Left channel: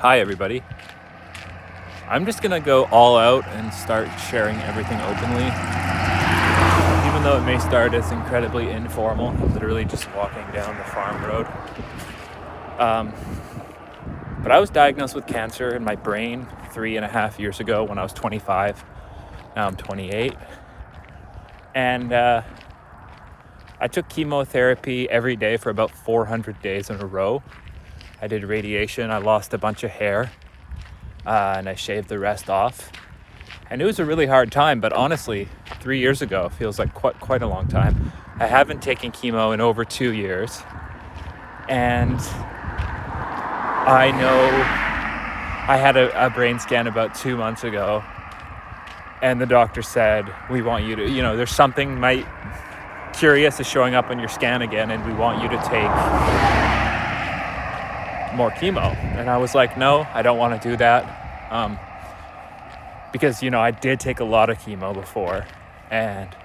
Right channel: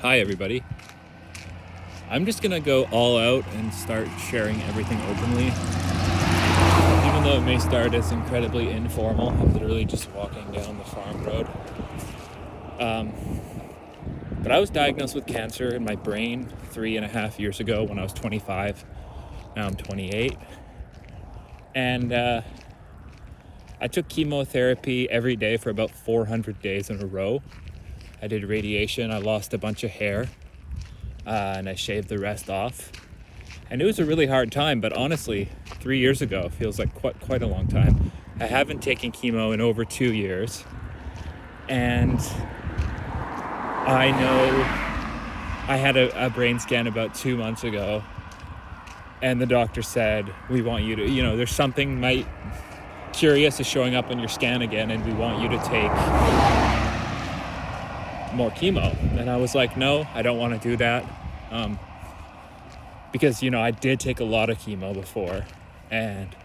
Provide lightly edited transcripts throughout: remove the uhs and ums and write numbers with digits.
Hi everybody. I'm just gonna go all out and start sharing everything openly. Even though it may start as incredibly informal, I'm literally just walking down the farm road. But I was diagnosed with cancer in my brain 3.5 years ago when I was 25. Now I'm 28. And I took chemotherapy every day for about 400 days in a row. I did radiation, I lost a bunch of hair, and I shaved the rest off. And it was a really hard time, but honestly, 3 years ago feels like quite a long time. I haven't taken chemo in over 2 years. And I know I had a brain scan about 2 months ago, and the doctor said, we want you to, there's something curious is showing up on your scan again, and we want you to take more chemo. And I was like, no, I don't want to do that. Because, I did take a lot of chemo before, and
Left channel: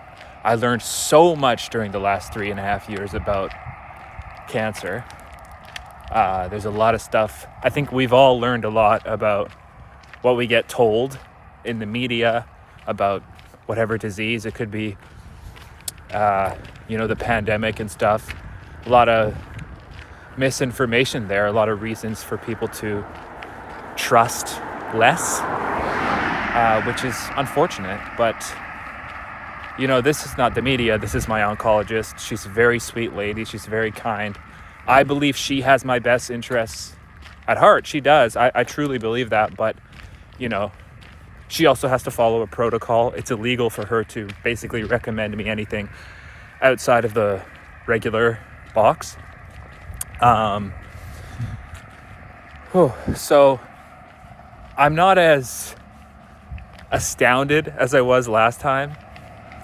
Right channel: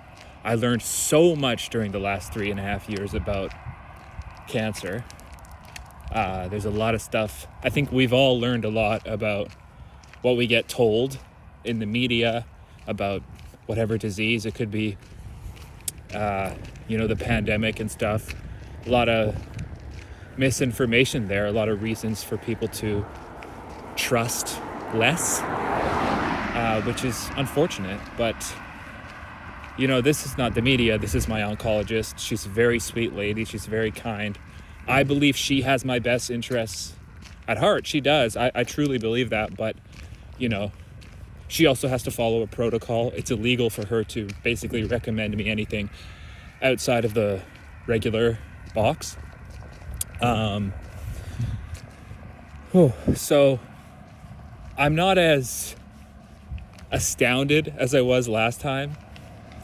I learned so much during the last 3.5 years about cancer. There's a lot of stuff. I think we've all learned a lot about what we get told in the media about whatever disease. It could be, the pandemic and stuff. A lot of misinformation there, a lot of reasons for people to trust less, which is unfortunate. But this is not the media, this is my oncologist. She's a very sweet lady, she's very kind. I believe she has my best interests at heart. She does. I truly believe that. But she also has to follow a protocol. It's illegal for her to basically recommend me anything outside of the regular box. So I'm not as astounded as I was last time,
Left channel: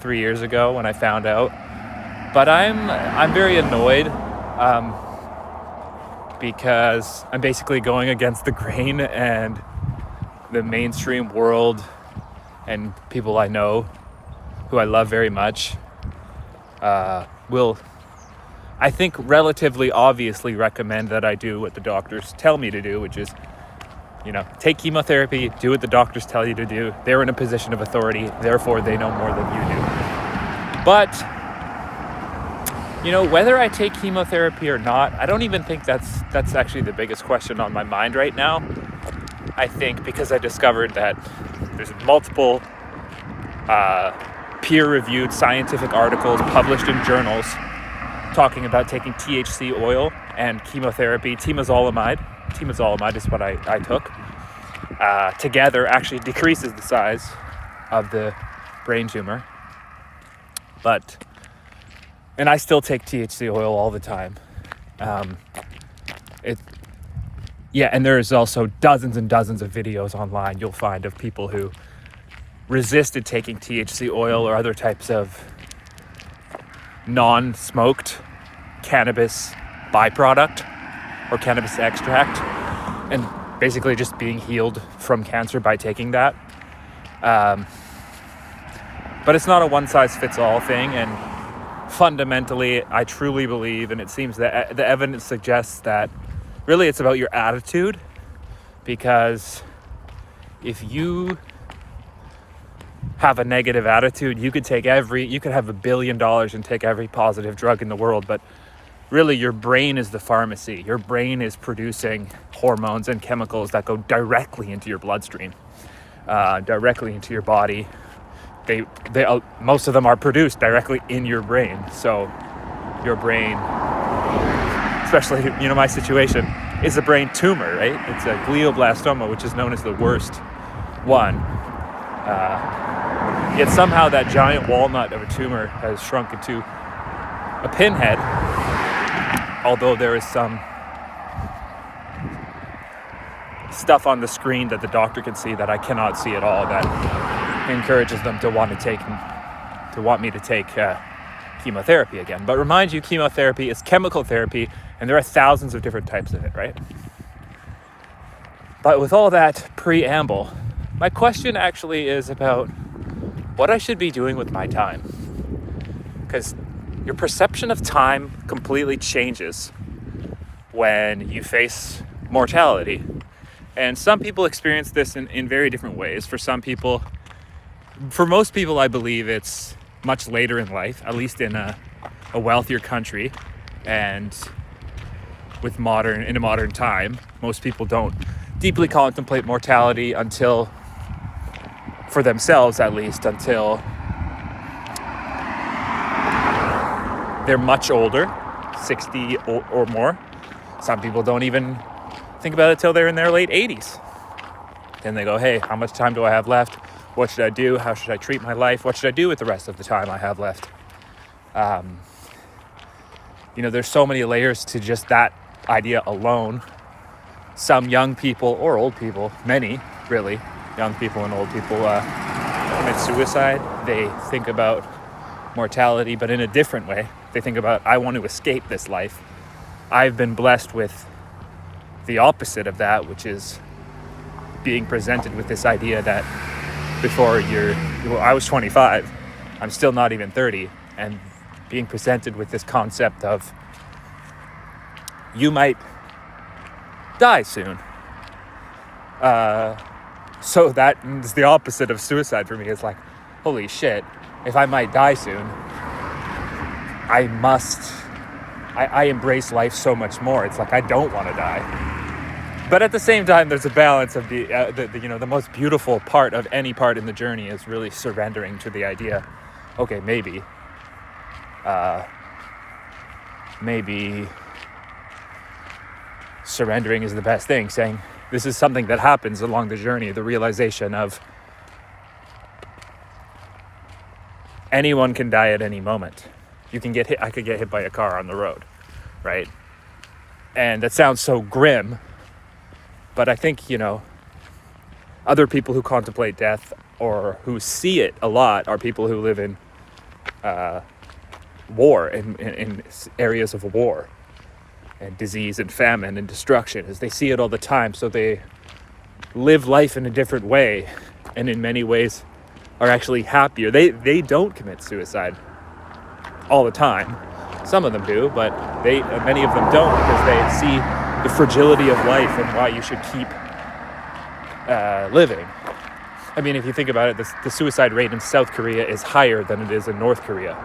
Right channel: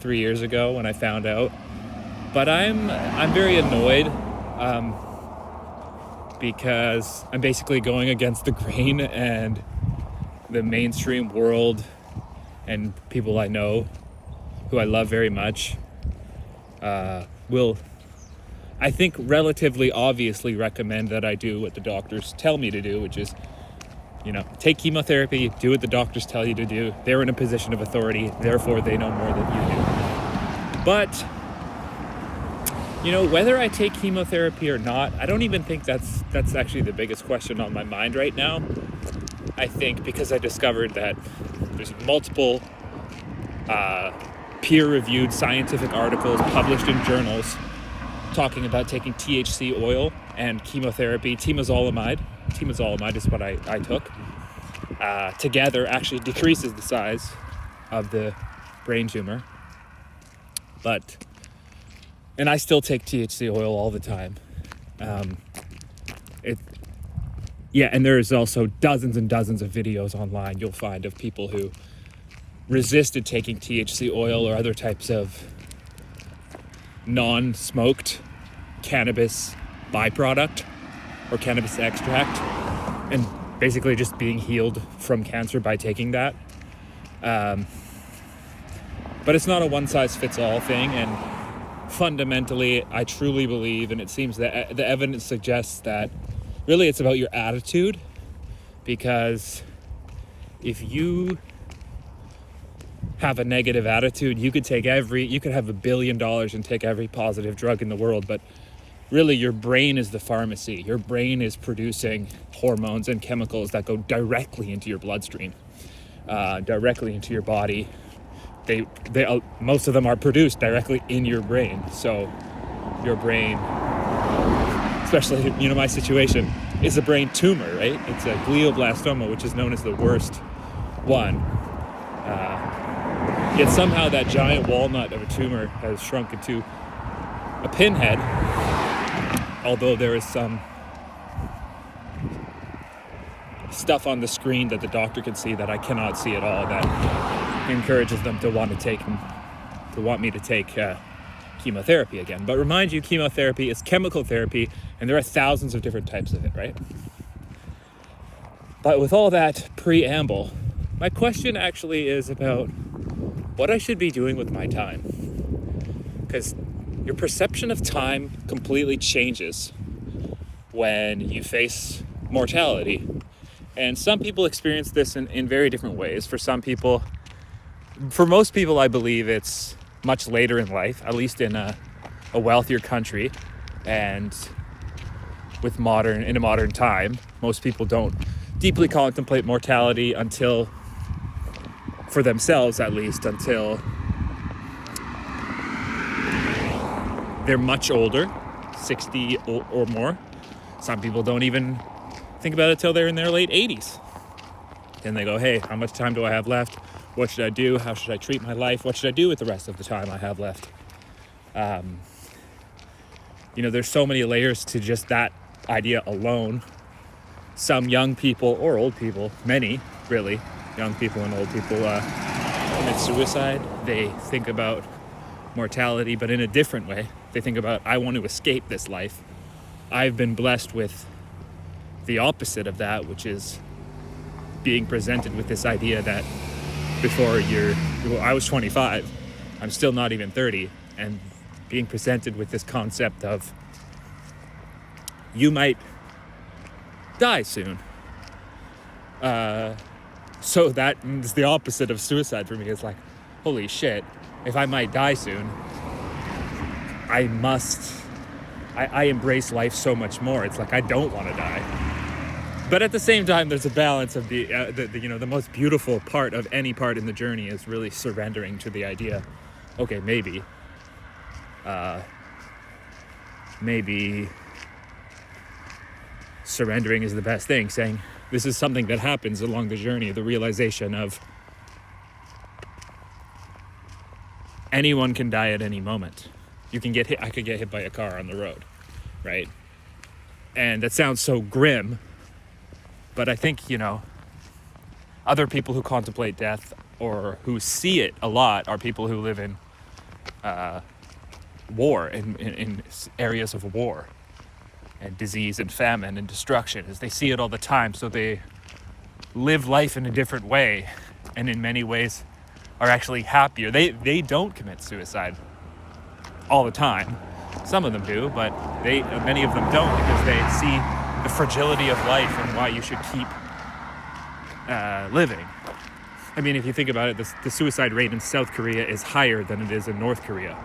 3 years ago when I found out, but I'm very annoyed, because I'm basically going against the grain, and the mainstream world and people I know who I love very much will, I think, relatively obviously recommend that I do what the doctors tell me to do, which is, take chemotherapy, do what the doctors tell you to do. They're in a position of authority, therefore they know more than you do. But, whether I take chemotherapy or not, I don't even think that's actually the biggest question on my mind right now. I think because I discovered that there's multiple peer-reviewed scientific articles published in journals talking about taking THC oil and chemotherapy. Temozolomide is what I took. Together actually decreases the size of the brain tumor. And I still take THC oil all the time. And there's also dozens and dozens of videos online you'll find of people who resisted taking THC oil or other types of non-smoked cannabis byproduct or cannabis extract, and basically just being healed from cancer by taking that. But it's not a one-size-fits-all thing, and fundamentally I truly believe, and it seems that the evidence suggests that really it's about your attitude, because if you have a negative attitude, you could have $1 billion and take every positive drug in the world, but really your brain is the pharmacy. Your brain is producing hormones and chemicals that go directly into your bloodstream, directly into your body. They most of them are produced directly in your brain. So your brain, especially my situation, is a brain tumor, right? It's a glioblastoma, which is known as the worst one. Yet somehow that giant walnut of a tumor has shrunk into a pinhead, although there is some stuff on the screen that the doctor can see that I cannot see at all, that encourages them to want me to take chemotherapy again. But remind you, chemotherapy is chemical therapy, and there are thousands of different types of it, right? But with all that preamble, my question actually is about what I should be doing with my time. Because your perception of time completely changes when you face mortality. And some people experience this in very different ways. For most people, I believe it's much later in life, at least in a wealthier country, and in a modern time. Most people don't deeply contemplate mortality until, for themselves at least, until they're much older, 60 or more. Some people don't even think about it till they're in their late 80s. Then they go, hey, how much time do I have left? What should I do? How should I treat my life? What should I do with the rest of the time I have left? There's so many layers to just that idea alone. Some young people or old people, many really, young people and old people commit suicide. They think about mortality, but in a different way. They think about, I want to escape this life. I've been blessed with the opposite of that, which is being presented with this idea that I was 25, I'm still not even 30, and being presented with this concept of you might die soon. So that is the opposite of suicide for me. It's like, holy shit, if I might die soon, I embrace life so much more. It's like, I don't want to die. But at the same time, there's a balance of the most beautiful part of any part in the journey is really surrendering to the idea, okay, maybe surrendering is the best thing, saying this is something that happens along the journey, the realization of anyone can die at any moment. You can get hit, I could get hit by a car on the road, right? And that sounds so grim, but I think, other people who contemplate death or who see it a lot are people who live in war, in areas of war and disease and famine and destruction, as they see it all the time. So they live life in a different way, and in many ways are actually happier. They don't commit suicide all the time. Some of them do, but many of them don't, because they see the fragility of life and why you should keep living. I mean, if you think about it, the suicide rate in South Korea is higher than it is in North Korea.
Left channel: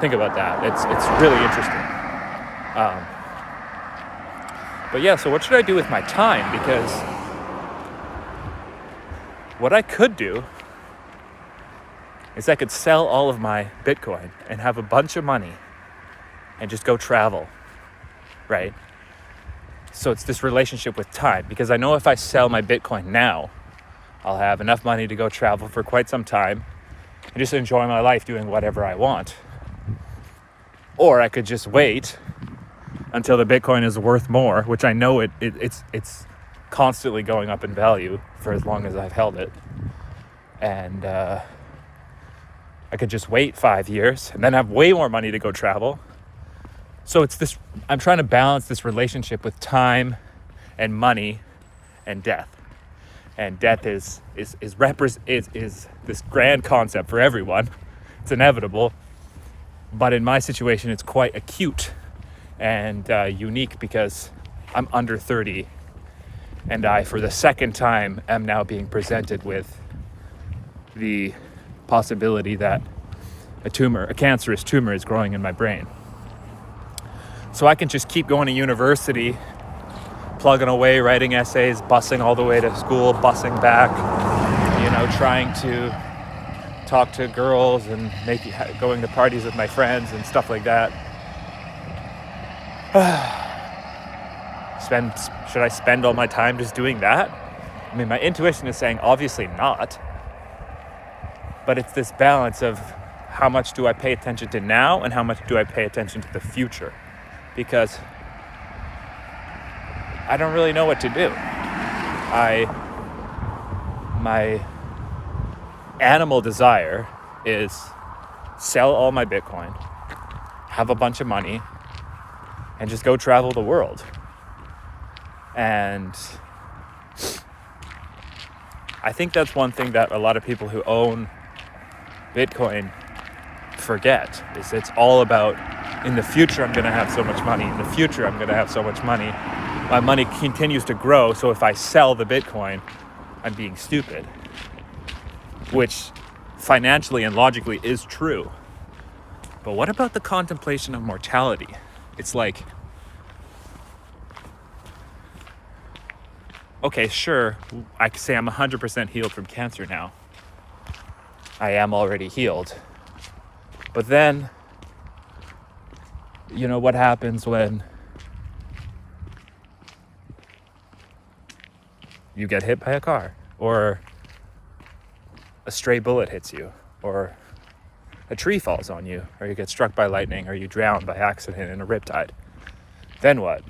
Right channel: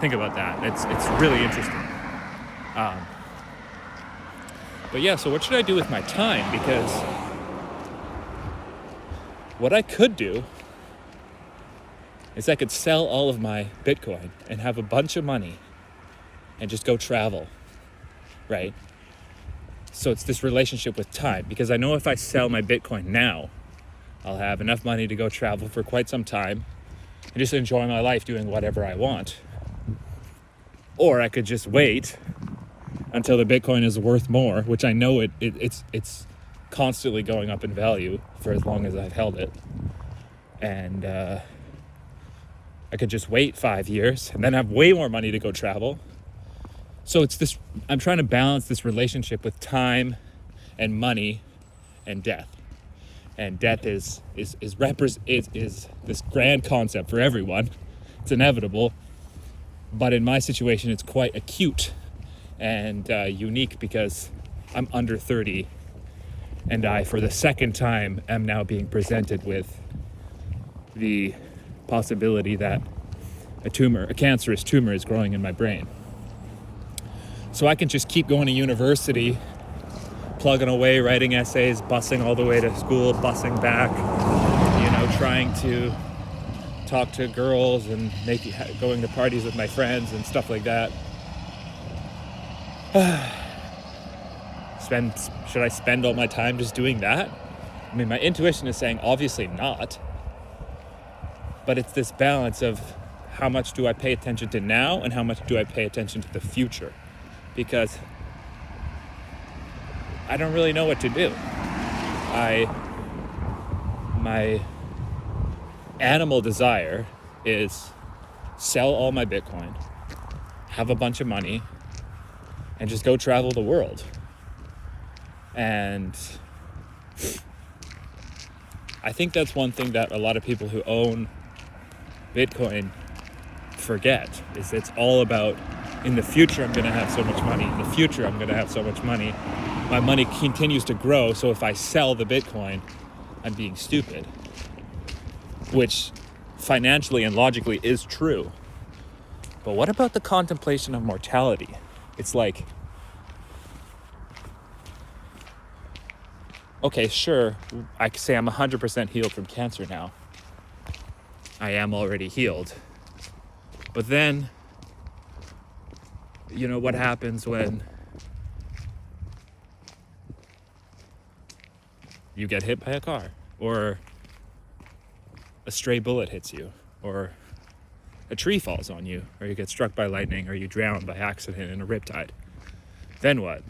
Think about that. It's really interesting. But yeah, so what should I do with my time? Because what I could do is I could sell all of my Bitcoin and have a bunch of money and just go travel, right? So it's this relationship with time, because I know if I sell my Bitcoin now, I'll have enough money to go travel for quite some time and just enjoy my life doing whatever I want. Or I could just wait until the Bitcoin is worth more, which I know it's constantly going up in value for as long as I've held it. And I could just wait 5 years and then have way more money to go travel. So it's this, I'm trying to balance this relationship with time and money and death. And death is this grand concept for everyone. It's inevitable. But in my situation, it's quite acute and unique, because I'm under 30 and I, for the second time, am now being presented with the possibility that a cancerous tumor is growing in my brain. So I can just keep going to university, plugging away, writing essays, busing all the way to school, busing back, trying to talk to girls and going to parties with my friends and stuff like that. Should I spend all my time just doing that? I mean, my intuition is saying obviously not. But it's this balance of how much do I pay attention to now and how much do I pay attention to the future? Because I don't really know what to do. My animal desire is sell all my Bitcoin, have a bunch of money, and just go travel the world. And I think that's one thing that a lot of people who own Bitcoin forget, is it's all about, in the future I'm going to have so much money, in the future I'm going to have so much money. my money continues to grow. So if I sell the Bitcoin, I'm being stupid, which financially and logically is true. But what about the contemplation of mortality? It's like, okay, sure, I can say I'm 100% healed from cancer now. I am already healed. But then, you know, what happens when you get hit by a car, or a stray bullet hits you, or a tree falls on you, or you get struck by lightning, or you drown by accident in a riptide? Then what?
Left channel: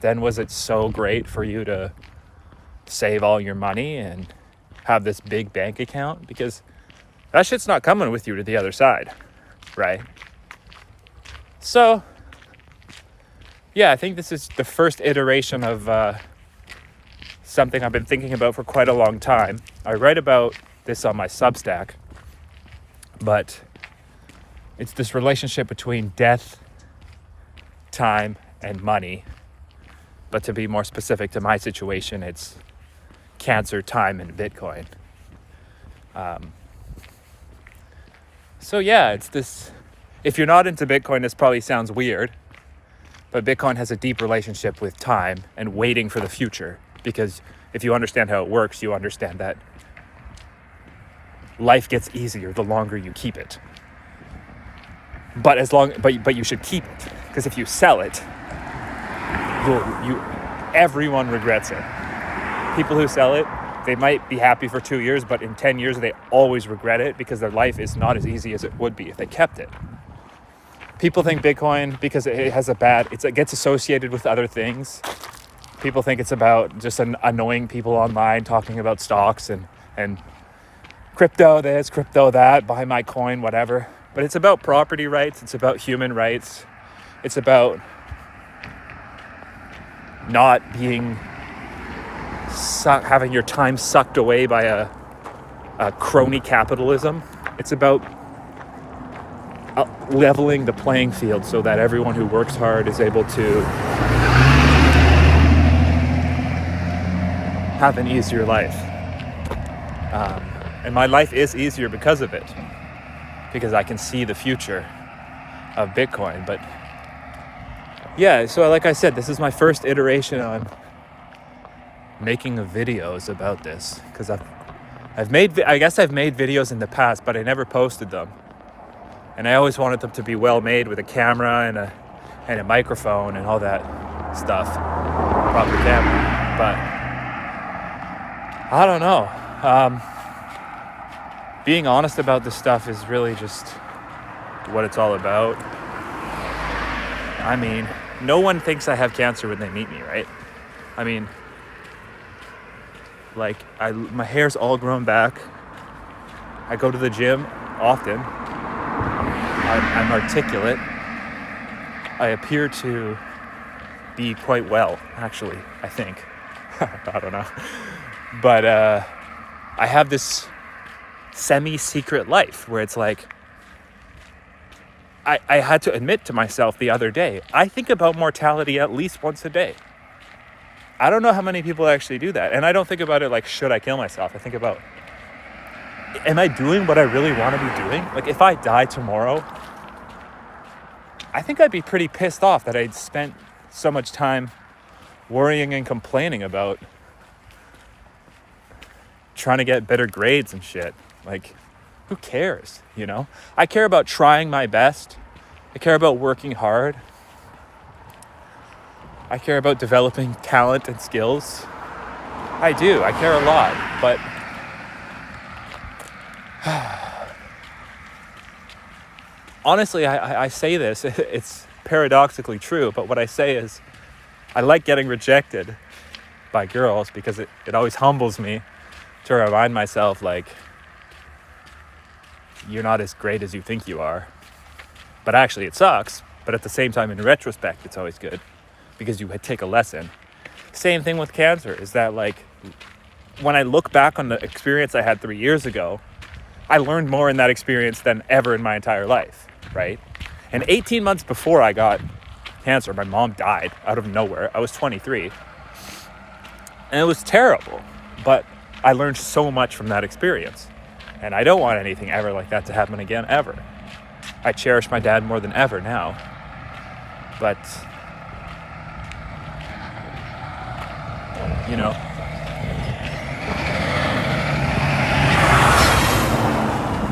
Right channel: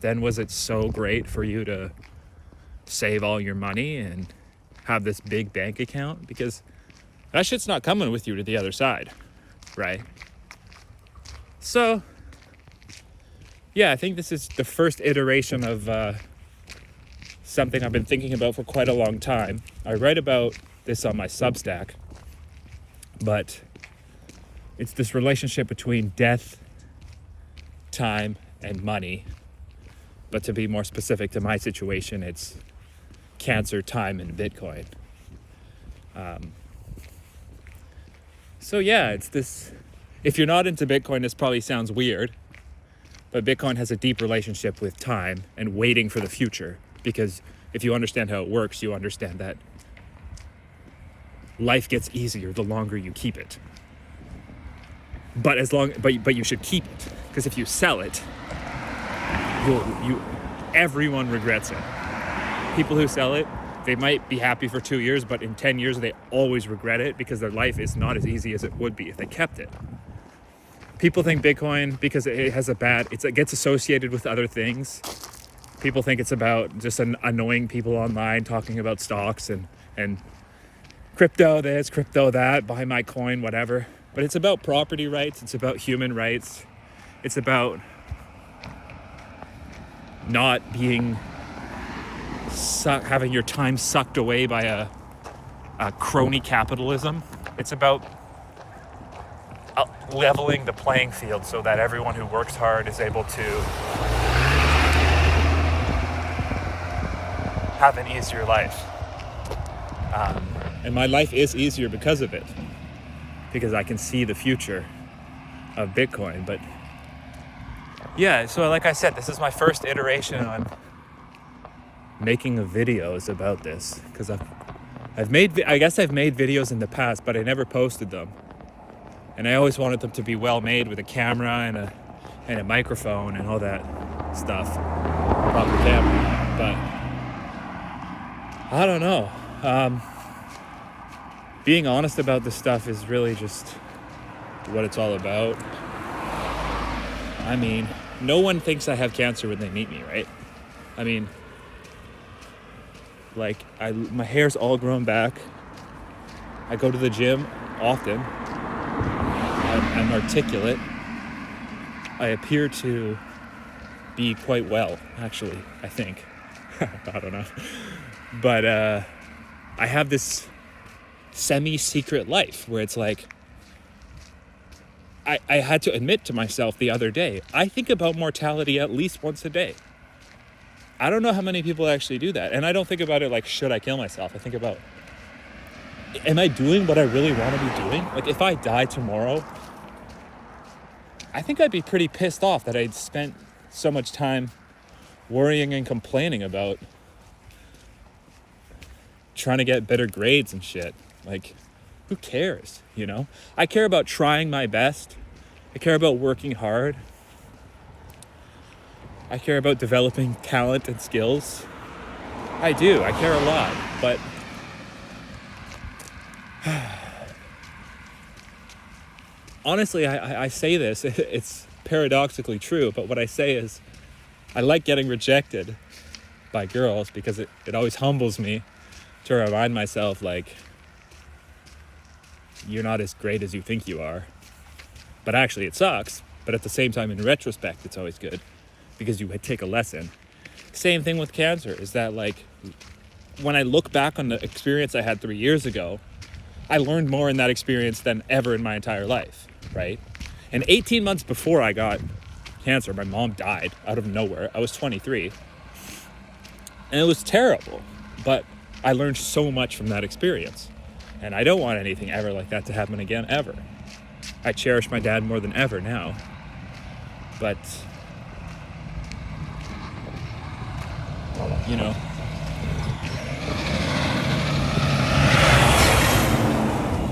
Then was it so great for you to save all your money and have this big bank account? Because that shit's not coming with you to the other side, right? So, yeah, I think this is the first iteration of something I've been thinking about for quite a long time. I write about this on my Substack, but it's this relationship between death, time, and money. But to be more specific to my situation, it's cancer, time, and Bitcoin. So yeah, it's this, if you're not into Bitcoin, this probably sounds weird, but Bitcoin has a deep relationship with time and waiting for the future. Because if you understand how it works, you understand that life gets easier the longer you keep it. But you should keep it, because if you sell it, everyone regrets it. People who sell it, they might be happy for 2 years, but in 10 years they always regret it because their life is not as easy as it would be if they kept it. People think Bitcoin, because it has it gets associated with other things. People think it's about just annoying people online talking about stocks and crypto this, crypto that, buy my coin, whatever. But it's about property rights. It's about human rights. It's about not being having your time sucked away by a crony capitalism. It's about leveling the playing field so that everyone who works hard is able to have an easier life. And my life is easier because of it, because I can see the future of Bitcoin. But yeah, so like I said, this is my first iteration on making of videos about this, because I guess I've made videos in the past, but I never posted them. And I always wanted them to be well made, with a camera and a microphone and all that stuff. Proper camera. But I don't know. Being honest about this stuff is really just what it's all about. I mean, no one thinks I have cancer when they meet me, right? I mean, like, my hair's all grown back. I go to the gym often. I'm articulate. I appear to be quite well, actually, I think. I don't know. But I have this semi-secret life where it's like, I had to admit to myself the other day, I think about mortality at least once a day. I don't know how many people actually do that. And I don't think about it like, should I kill myself? I think about, am I doing what I really want to be doing? Like, if I die tomorrow, I think I'd be pretty pissed off that I'd spent so much time worrying and complaining about trying to get better grades and shit. Like, who cares, you know? I care about trying my best. I care about working hard. I care about developing talent and skills. I do. I care a lot. But honestly, I say this, it's paradoxically true, but what I say is, I like getting rejected by girls because it always humbles me to remind myself, like, you're not as great as you think you are. But actually it sucks. But at the same time, in retrospect, it's always good because you take a lesson. Same thing with cancer, is that, like, when I look back on the experience I had 3 years ago, I learned more in that experience than ever in my entire life, right? And 18 months before I got cancer. My mom died out of nowhere. I was 23. And it was terrible. But I learned so much from that experience. And I don't want anything ever like that to happen again, ever. I cherish my dad more than ever now. But, you know,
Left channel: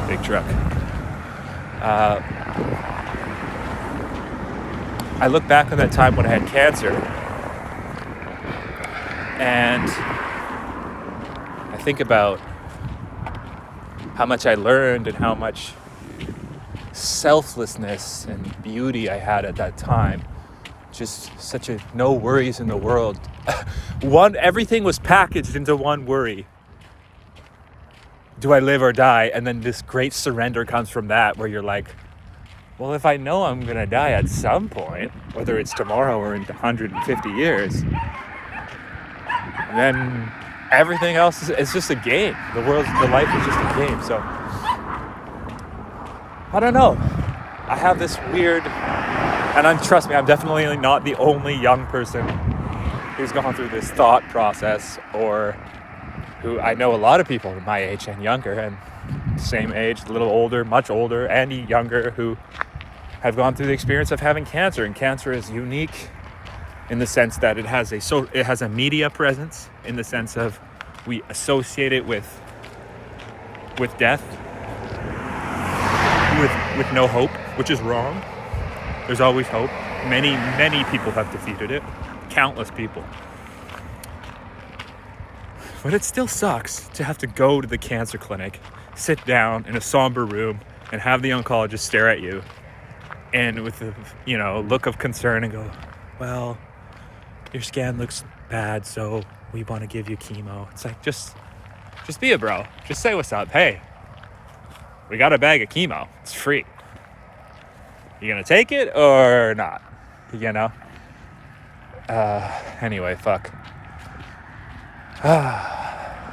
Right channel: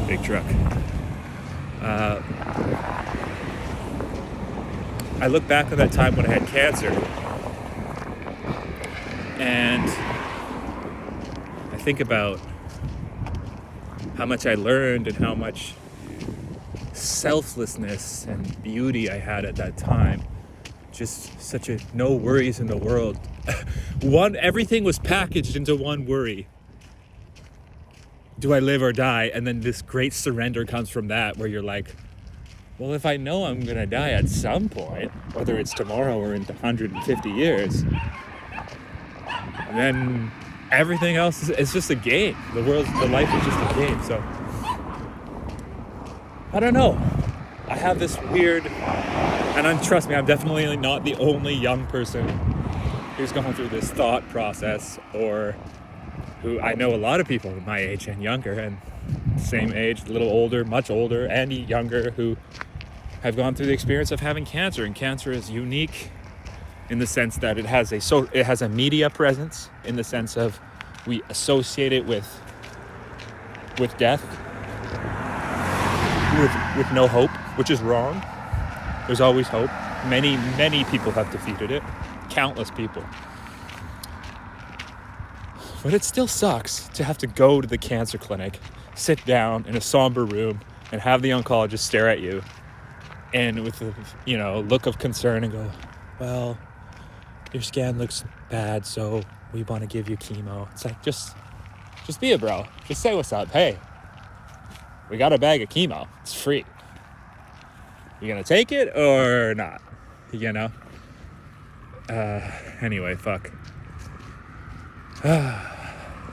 big truck. I look back on that time when I had cancer, and I think about how much I learned and how much selflessness and beauty I had at that time. Just such a no worries in the world. Everything was packaged into one worry. Do I live or die? And then this great surrender comes from that, where you're like, well, if I know I'm gonna die at some point, whether it's tomorrow or in 150 years, then everything else is just a game. The life is just a game. So I don't know. I have this weird, and trust me, I'm definitely not the only young person who's gone through this thought process, or who I know a lot of people my age and younger, and same age, a little older, much older, and younger, who have gone through the experience of having cancer. And cancer is unique in the sense that it has a media presence, in the sense of we associate it with death, with no hope, which is wrong. There's always hope. Many people have defeated it. Countless people. But it still sucks to have to go to the cancer clinic, sit down in a somber room, and have the oncologist stare at you, and with a look of concern, and go, well, your scan looks bad, so we want to give you chemo. It's like, just be a bro. Just say what's up. Hey, we got a bag of chemo. It's free. You gonna take it or not? Anyway, fuck.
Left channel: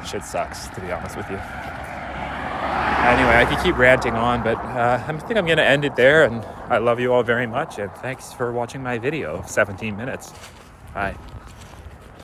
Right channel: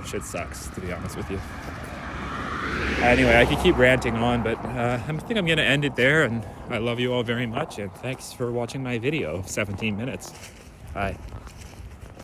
Shit sucks, to be honest with you. Anyway, I could keep ranting on, but I think I'm gonna end it there, and I love you all very much, and thanks for watching my video, 17 minutes. Bye.